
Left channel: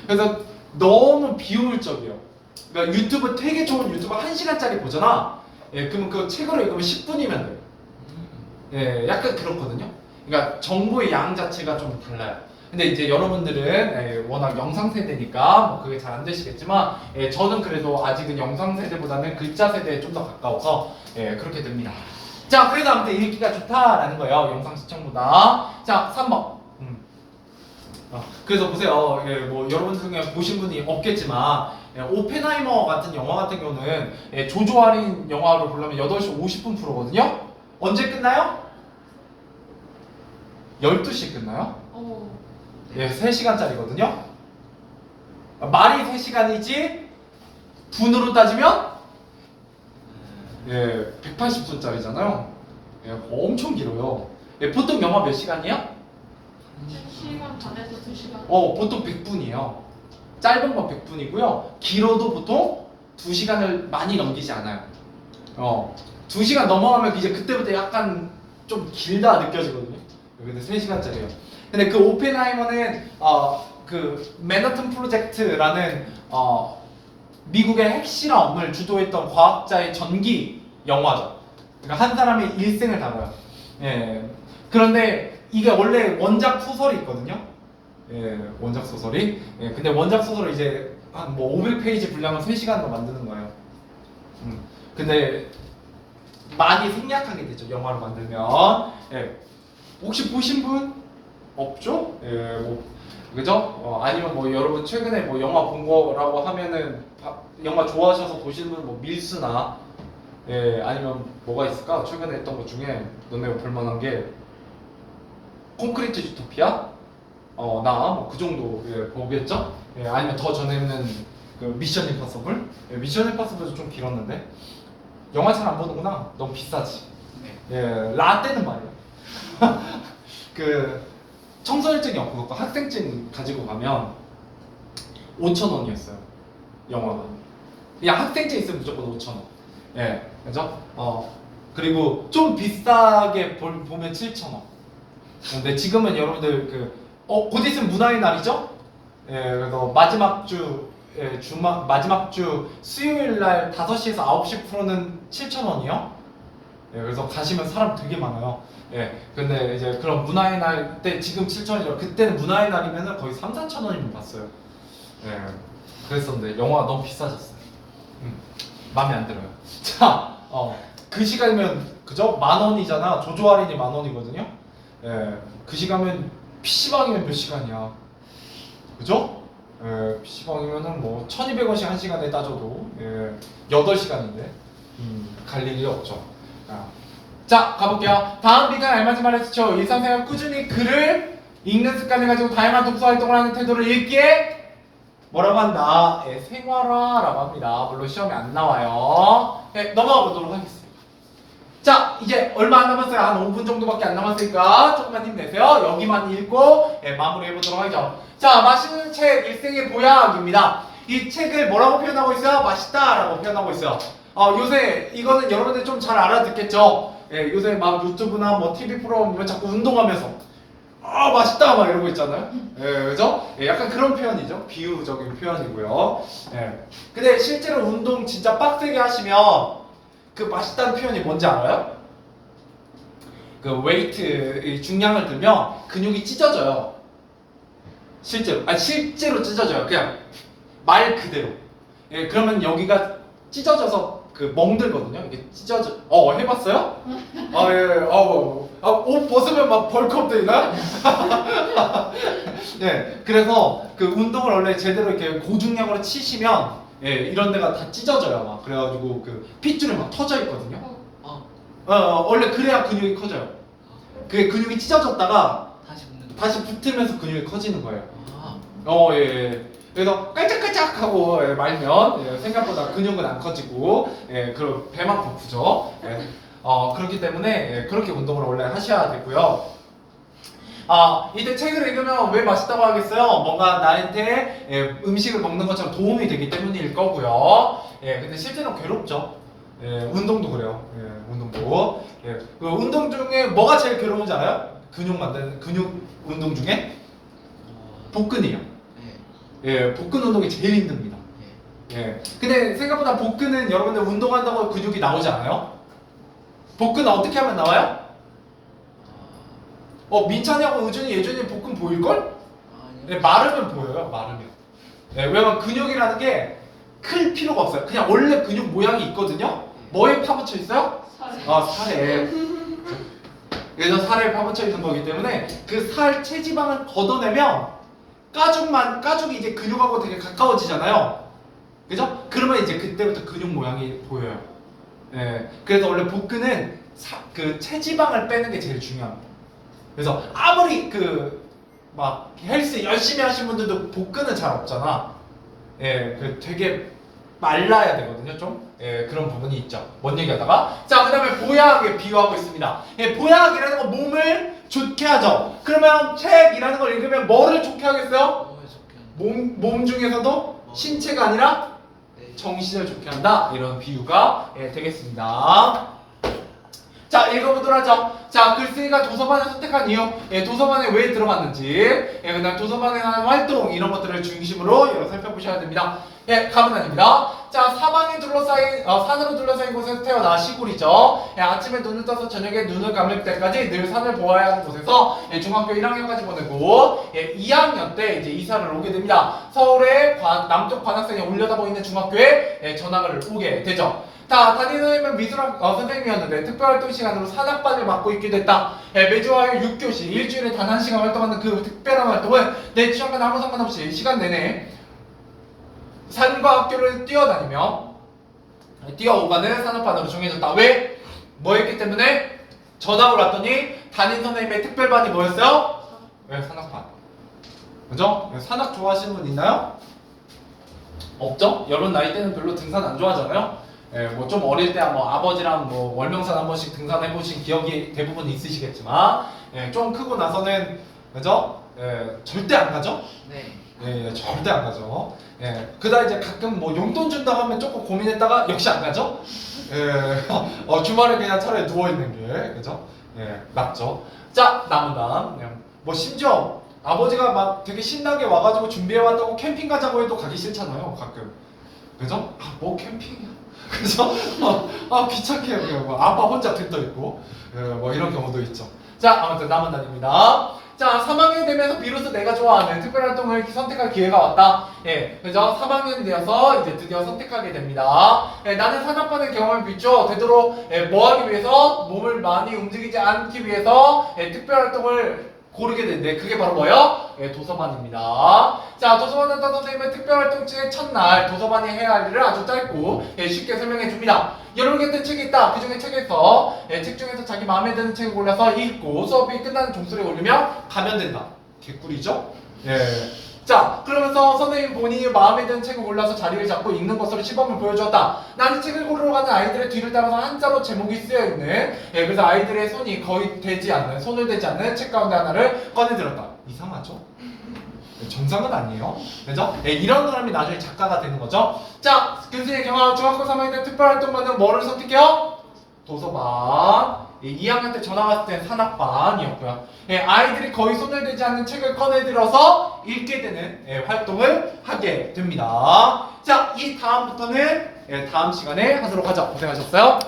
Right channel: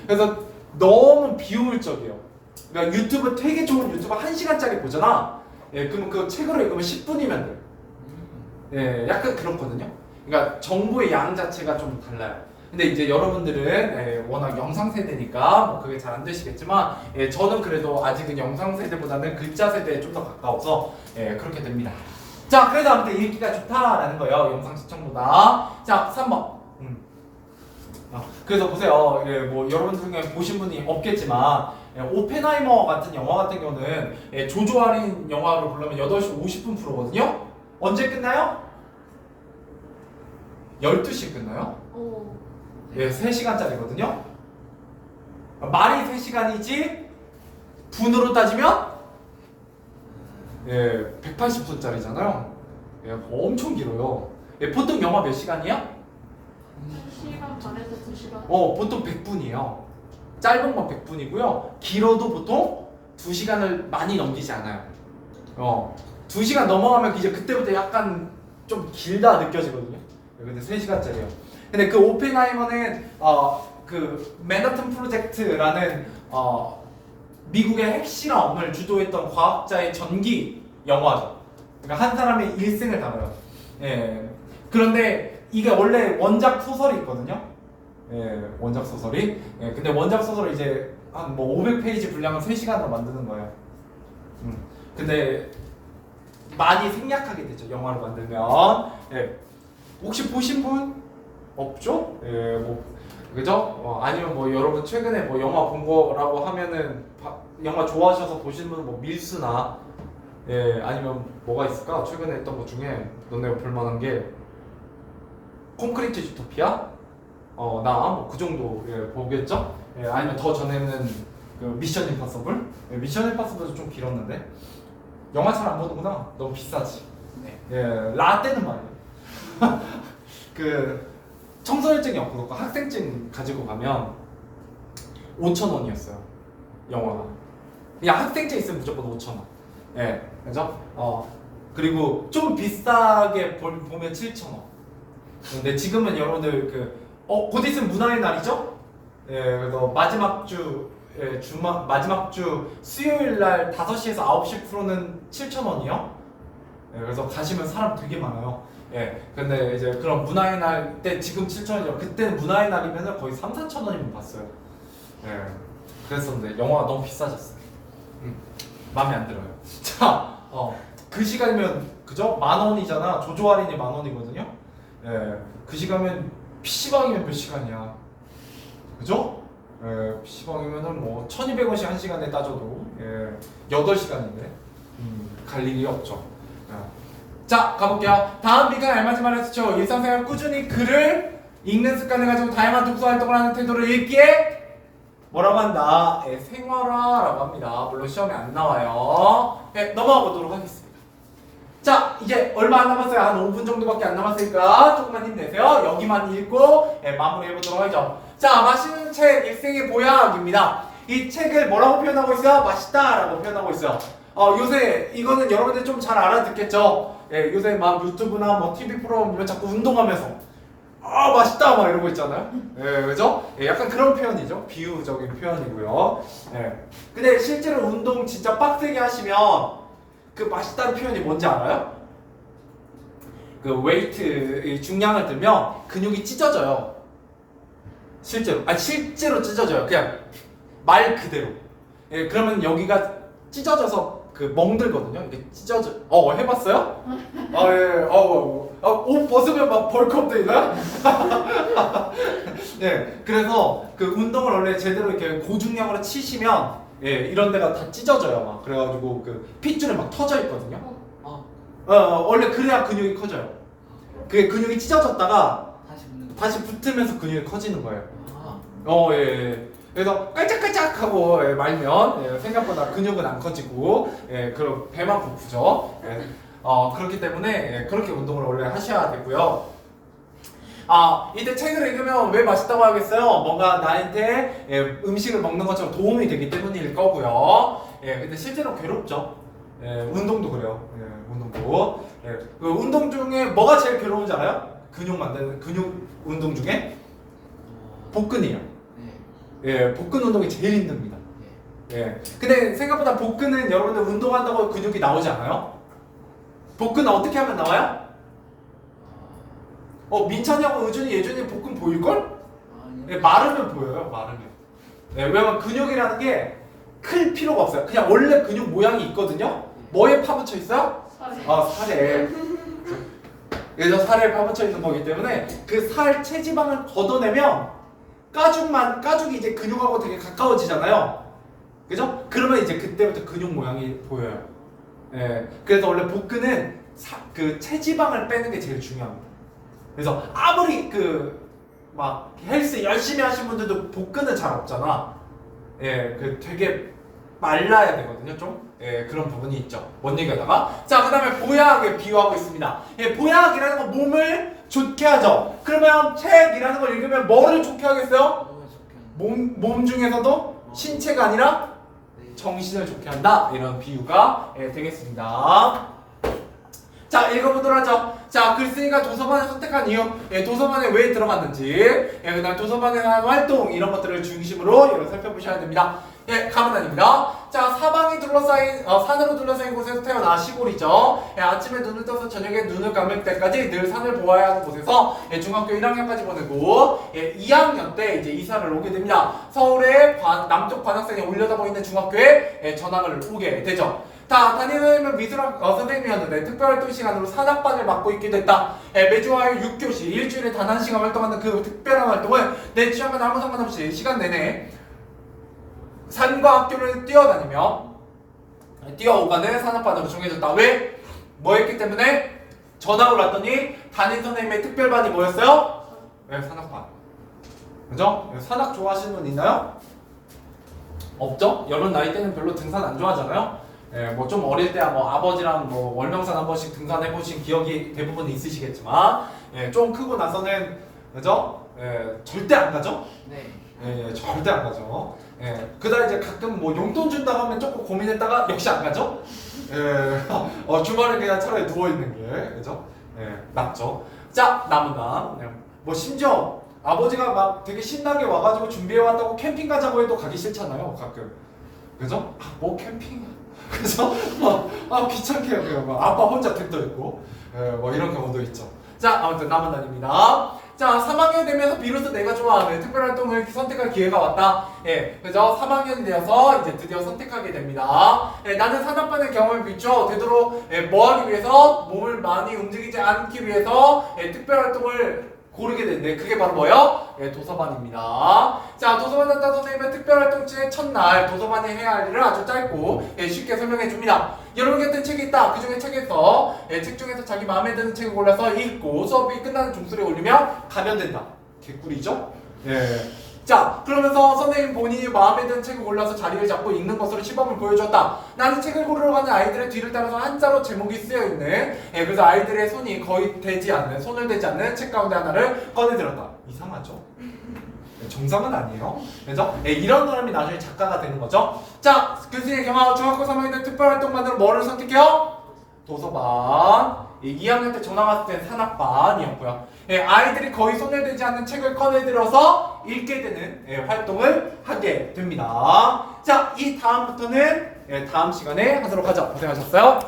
그래서 너무 비효율적이에요. 그러니까 유튜브 되게 좋은 유튜브 1시간짜리 보잖아. 예, 그러면 그거 책으로 읽으면 10분이면 돼요. 예, 약간 그렇거든요. 그러니까 정보의 양 자체가 좀 달라요. 근데 이제 여러분들은 워낙 영상 세대니까 뭐 그게 잘 안 되시겠지만 저는 그래도 아직은 영상 세대보다는 글자 세대에 좀 더 가까워서 그렇게 됩니다. 자, 그래서 아무튼 읽기가 좋다라는 거예요. 영상 시청보다. 자, 3번. 그래서 보세요. 뭐 여러분 중에 보신 분이 없겠지만 오펜하이머 같은 영화 같은 경우는 조조 할인 영화를 보려면 8시 50분 프로거든요. 언제 끝나요? 12시에 끝나요? 오. 3시간짜리거든요. 말이 3시간이지 분으로 따지면 180분짜리잖아요. 엄청 길어요. 보통 영화 몇 시간이에요? 1시간 반에서 2시간. 보통 100분이에요. 짧은 건 100분이고요. 길어도 보통 2시간을 많이 넘기지 않아요. 2시간 넘어가면 이제 그때부터 약간 좀 길다 느껴지거든요. 근데 3시간짜리예요. 근데 그 오펜하이머는 그 맨하튼 프로젝트라는 미국의 핵실험을 주도했던 과학자의 전기 영화죠. 그러니까 한 사람의 일생을 담아요. 그런데 이게 원래 원작 소설이 있거든요. 원작 소설이. 근데 원작 소설을 이제 한 뭐 500페이지 분량을 3시간으로 만드는 거예요. 근데 많이 생략하게 되죠. 영화로 만들면. 혹시 보신 분 없죠? 뭐 그죠? 아니면 뭐 여러분 최근에 뭐 영화 본 거라고 하면은 영화 좋아하셔서 보시는 분은 뭐 밀수나 아니면 뭐가 있을까? 최근에 했던 것 중에 너네가 볼만한 게 콘크리트 유토피아? 나 뭐 그 정도 보겠죠? 아니면 더 전에는 그 미션 임파서블? 미션 임파서블도 좀 길었는데 영화 잘 안 보는구나. 너무 비싸지. 라떼는 말이야. 그 청소년증이 없고 학생증 가지고 가면 5,000원이었어요. 영화가. 그냥 학생증 있으면 무조건 5,000원. 그죠? 그리고 좀 비싸게 보면 7,000원. 근데 지금은 여러분들 곧 있으면 문화의 날이죠? 그래서 마지막 주 마지막 주 수요일 날 5시에서 9시 프로는 7,000원이요. 그래서 가시면 사람 되게 많아요. 근데 이제 그런 문화의 날 때 지금 7,000원이요. 그때는 문화의 날이면은 거의 3,000~4,000원이면 봤어요. 그랬었는데 영화가 너무 비싸졌어요. 마음에 안 들어요. 자, 그 시간이면 그죠? 10,000원이잖아. 조조 할인이 10,000원이거든요. 그 시간이면 PC방이면 몇 시간이야. 그죠? PC방이면은 뭐 1,200원씩 한 시간에 따져도 8시간인데 갈 일이 없죠. 자, 가볼게요. 다음 B가 알맞은 말을 쓰죠. 일상생활 꾸준히 글을 읽는 습관을 가지고 다양한 독서 활동을 하는 태도를 읽기에 뭐라고 한다? 생활화라고 합니다. 물론 시험에 안 나와요. 넘어가 보도록 하겠습니다. 자, 이제 얼마 안 남았어요. 한 5분 정도밖에 안 남았으니까 조금만 힘내세요. 여기만 읽고 마무리해보도록 하죠. 자, 맛있는 책 일생의 보약입니다. 이 책을 뭐라고 표현하고 있어요? 맛있다라고 표현하고 있어요. 요새 이거는 여러분들 좀 잘 알아듣겠죠? 요새 막 유튜브나 뭐 TV 프로그램 보면 자꾸 운동하면서 맛있다 막 이러고 있잖아요. 그죠? 약간 그런 표현이죠. 비유적인 표현이고요. 근데 실제로 운동 진짜 빡세게 하시면 그 맛있다는 표현이 뭔지 알아요? 그 웨이트 중량을 들면 근육이 찢어져요. 실제로 찢어져요. 그냥 말 그대로. 그러면 여기가 찢어져서 그 멍들거든요. 이게 찢어져. 해봤어요? 옷 벗으면 막 벌크업 되나? 그래서 그 운동을 원래 제대로 이렇게 고중량으로 치시면 이런 데가 다 찢어져요. 막 그래가지고 그 핏줄이 막 터져 있거든요. 원래 그래야 근육이 커져요. 그게 근육이 찢어졌다가 다시 붙으면서 근육이 커지는 거예요. 그래서 깔짝깔짝하고 말면 생각보다 근육은 안 커지고 그럼 배만 고프죠. 그렇기 때문에 그렇게 운동을 원래 하셔야 되고요. 이때 책을 읽으면 왜 맛있다고 하겠어요? 뭔가 나한테 음식을 먹는 것처럼 도움이 되기 때문일 거고요. 근데 실제로 괴롭죠. 운동도 그래요. 운동도. 그 운동 중에 뭐가 제일 괴로운지 알아요? 근육 만드는 근육 운동 중에 복근이요. 복근 운동이 제일 힘듭니다. 근데 생각보다 복근은 여러분들 운동한다고 근육이 나오지 않아요? 복근은 어떻게 하면 나와요? 민찬이하고 의준이, 예준이 복근 보일걸? 아니요. 예, 마르면 보여요. 마르면. 예, 왜냐면 근육이라는 게 클 필요가 없어요. 그냥 원래 근육 모양이 있거든요. 뭐에 파묻혀 있어요? 살에. 살에. 그래서 살에 파묻혀 있는 거기 때문에 그 살 체지방을 걷어내면 가죽이 이제 근육하고 되게 가까워지잖아요. 그죠? 그러면 이제 그때부터 근육 모양이 보여요. 예. 그래서 원래 복근은 그 체지방을 빼는 게 제일 중요합니다. 그래서 아무리 막 헬스 열심히 하신 분들도 복근은 잘 없잖아. 예, 되게 말라야 되거든요, 좀. 예, 그런 부분이 있죠. 뭔 얘기하다가 자, 그다음에 보약에 비유하고 있습니다. 예, 보약이라는 건 몸을 좋게 하죠. 그러면 책이라는 걸 읽으면 뭐를 좋게 하겠어요? 너무 좋게. 몸 중에서도 신체가 아니라 네. 정신을 좋게 한다. 이런 비유가 되겠습니다. 자, 읽어보도록 하죠. 자, 글쓰기가 도서관을 선택한 이유, 도서관에 왜 들어갔는지, 그다음 도서관에 하는 활동 이런 것들을 중심으로 살펴보셔야 됩니다. 가면 아닙니다. 자, 산으로 둘러싸인 곳에서 태어나 시골이죠. 아침에 눈을 떠서 저녁에 눈을 감을 때까지 늘 산을 보아야 하는 곳에서 중학교 1학년까지 보내고 2학년 때 이제 이사를 오게 됩니다. 서울의 남쪽 관악산에 올려다 보이는 중학교에 전학을 오게 되죠. 담임은 미술학 선생님이었는데 특별활동 시간으로 산악반을 맡고 있게 됐다. 매주 화요일 6교시 일주일에 단 1시간 활동하는 그 특별한 활동은 내 취향과 아무 상관없이 시간 내내 산과 학교를 뛰어오가는 산악반으로 정해졌다. 왜? 뭐 했기 때문에? 전학을 왔더니 담임 선생님의 특별반이 뭐였어요? 왜? 산악반. 그죠? 산악 좋아하시는 분 있나요? 없죠? 여러분 나이 때는 별로 등산 안 좋아하잖아요? 뭐 좀 어릴 때 뭐 아버지랑 뭐 월명산 한 번씩 등산해 보신 기억이 대부분 있으시겠지만 좀 크고 나서는 그죠? 절대 안 가죠? 네. 절대 안 가죠. 그다음 이제 가끔 뭐 용돈 준다고 하면 조금 고민했다가 역시 안 가죠. 주말에 그냥 차라리 누워 있는 게 그죠? 낫죠. 자, 남은 뭐 심지어 아버지가 막 되게 신나게 와가지고 준비해 왔다고 캠핑 가자고 해도 가기 싫잖아요. 가끔 그죠? 뭐 캠핑이야. 그죠? 귀찮게 해요. 아빠 혼자 텐트 있고 뭐 이런 경우도 있죠. 자, 아무튼 남은 날입니다. 자, 3학년 되면서 비로소 내가 좋아하는 특별활동을 선택할 기회가 왔다. 그죠? 3학년이 되어서 이제 드디어 선택하게 됩니다. 나는 산악반의 경험을 비춰 되도록 뭐 하기 위해서? 몸을 많이 움직이지 않기 위해서 특별활동을 고르게 되는데 그게 바로 뭐예요? 도서관입니다. 자, 도서관 단타 선생님의 특별활동의 첫날 도서관이 해야 할 일을 아주 짧고 쉽게 설명해 줍니다. 여러분 곁에 책이 있다. 그 중에 책 중에서 자기 마음에 드는 책을 골라서 읽고 수업이 끝나는 종소리에 올리면 가면 된다. 개꿀이죠? 자, 그러면서 선생님 본인이 마음에 드는 책을 골라서 자리를 잡고 읽는 것으로 시범을 보여줬다. 나는 책을 고르러 가는 아이들의 뒤를 따라서 한자로 제목이 쓰여있는 그래서 아이들의 손을 대지 않는 책 가운데 하나를 꺼내들었다. 이상하죠? 정상은 아니에요. 그죠? 이런 사람이 나중에 작가가 되는 거죠. 자, 교수의 경우 중학교 3학년 때 특별활동반으로 뭐를 선택해요? 도서반. 2학년 때 전학 왔을 때 산악반이었고요. 아이들이 거의 손을 대지 않는 책을 꺼내들어서 읽게 되는 활동을 하게 됩니다. 자, 이 다음부터는 다음 시간에 하도록 하죠. 고생하셨어요.